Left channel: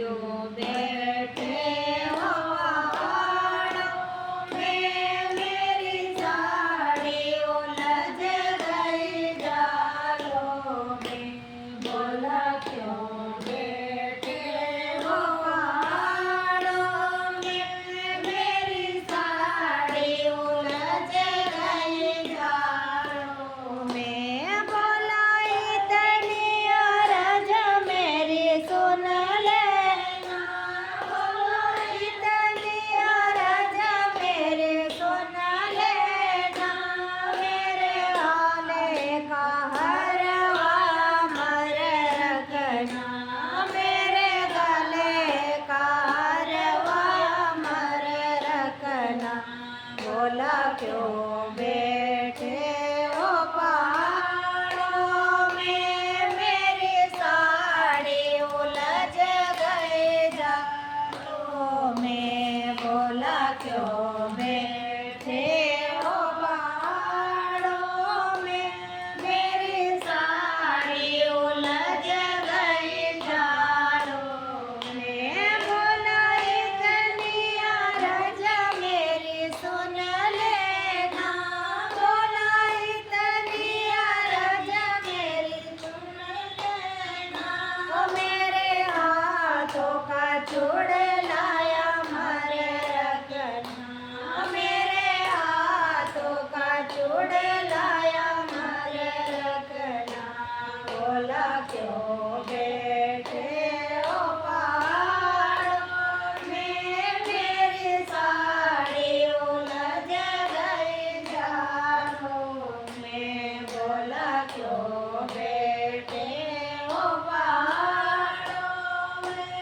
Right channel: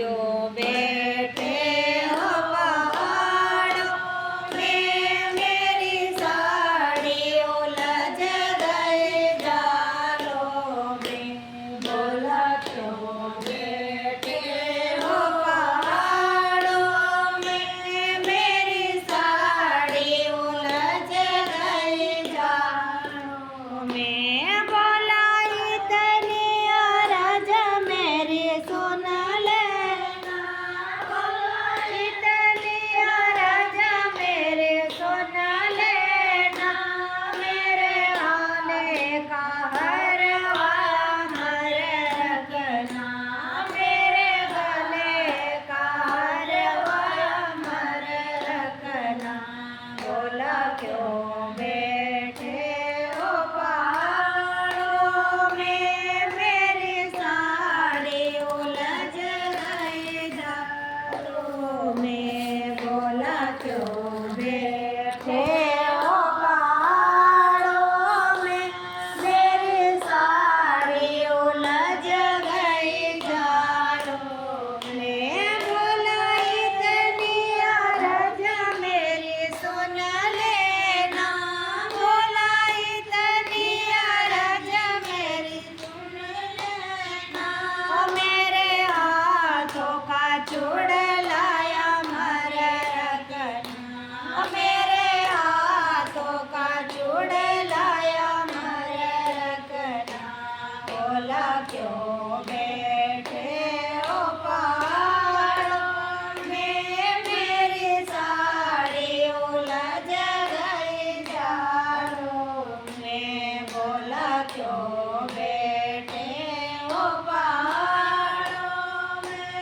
क्यों बैठे हो पहाड़ों में, मेरी साड़ी उलझ गई जालों में। बोला क्यों बैठे हो पहाड़ों में, मेरी साड़ी उलझ गई जालों में। बोला इतनी अरज मेरी सुन लेना, बोला इतनी अरज मेरी सुन लेना, मेरे हाले का हरवा मर रखना, मेरे गले का हरवा मर रखना। बोला क्यों बैठे हो पहाड़ों में, मेरी साड़ी उलझ गई जालों में। बोला क्यों बैठे हो पहाड़ों में, मेरी साड़ी उलझ गई जालों में। बोला इतनी अरज मेरी सुन लेना, बोला इतनी अरज मेरी सुन लेना, ओ मेरे हाथों का चुड़लाया मर रखना, मेरे हाथों का चुड़लाया मर रखना। बोला क्यों बैठे हो पहाड़ों में, मेरी साड़ी उलझ गई जालों में। बोला क्यों बैठे हो पहाड़ों में,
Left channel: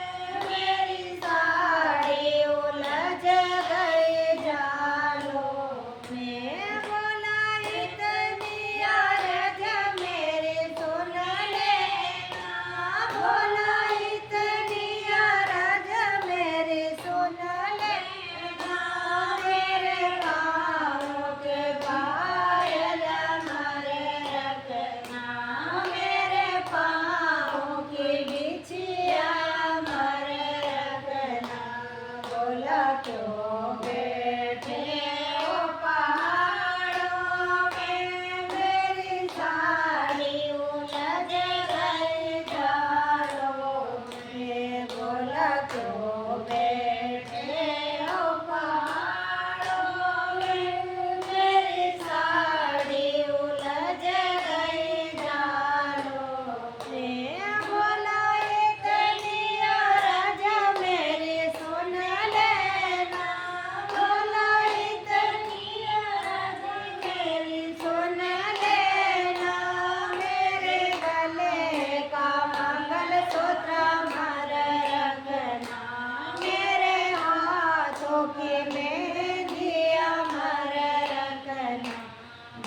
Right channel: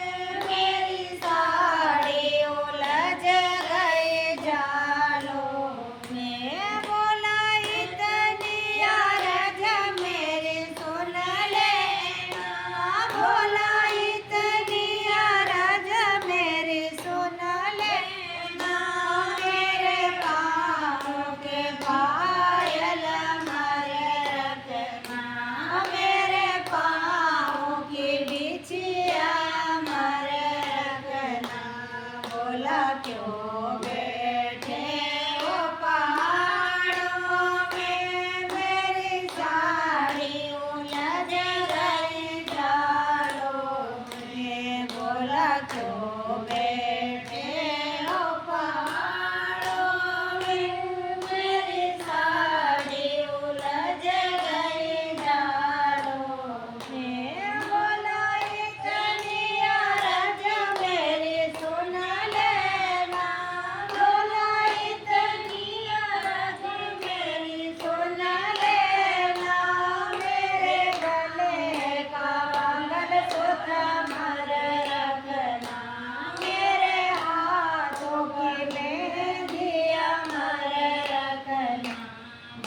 मेरी साड़ी उलझ गई जालों में। बोला इतनी अरज मेरी सुन लेना, बोला इतनी अरज मेरी सुन लेना, मेरे पाँव के पायल मर रखना, मेरे पाँव की बिछिया मर रखना। बोला क्यों बैठे हो पहाड़ों में, मेरी साड़ी उलझ गई जालों में। बोला क्यों बैठे हो पहाड़ों में, मेरी साड़ी उलझ गई जालों में। बोला इतनी अरज मेरी सुन लेना, बोला इतनी अरज मेरी सुन लेना, मेरे गले का मंगलसूत्र मर रखना, मेरे हाथों की मेहंदियाँ मर रखना।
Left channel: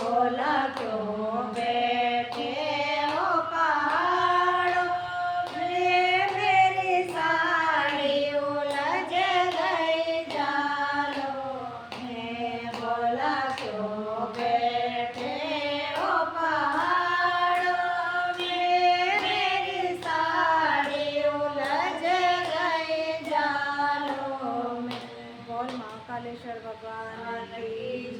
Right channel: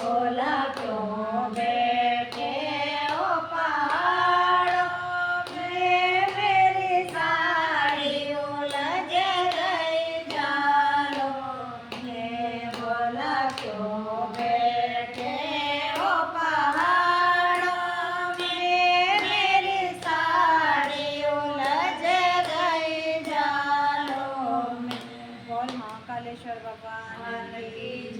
बोला क्यों बैठे हो पहाड़ों में, मेरी साड़ी उलझ गई जालों में। बोला क्यों बैठे हो पहाड़ों में, मेरी साड़ी उलझ गई जालों में। बोल महाकालेश्वर भगवान की जय।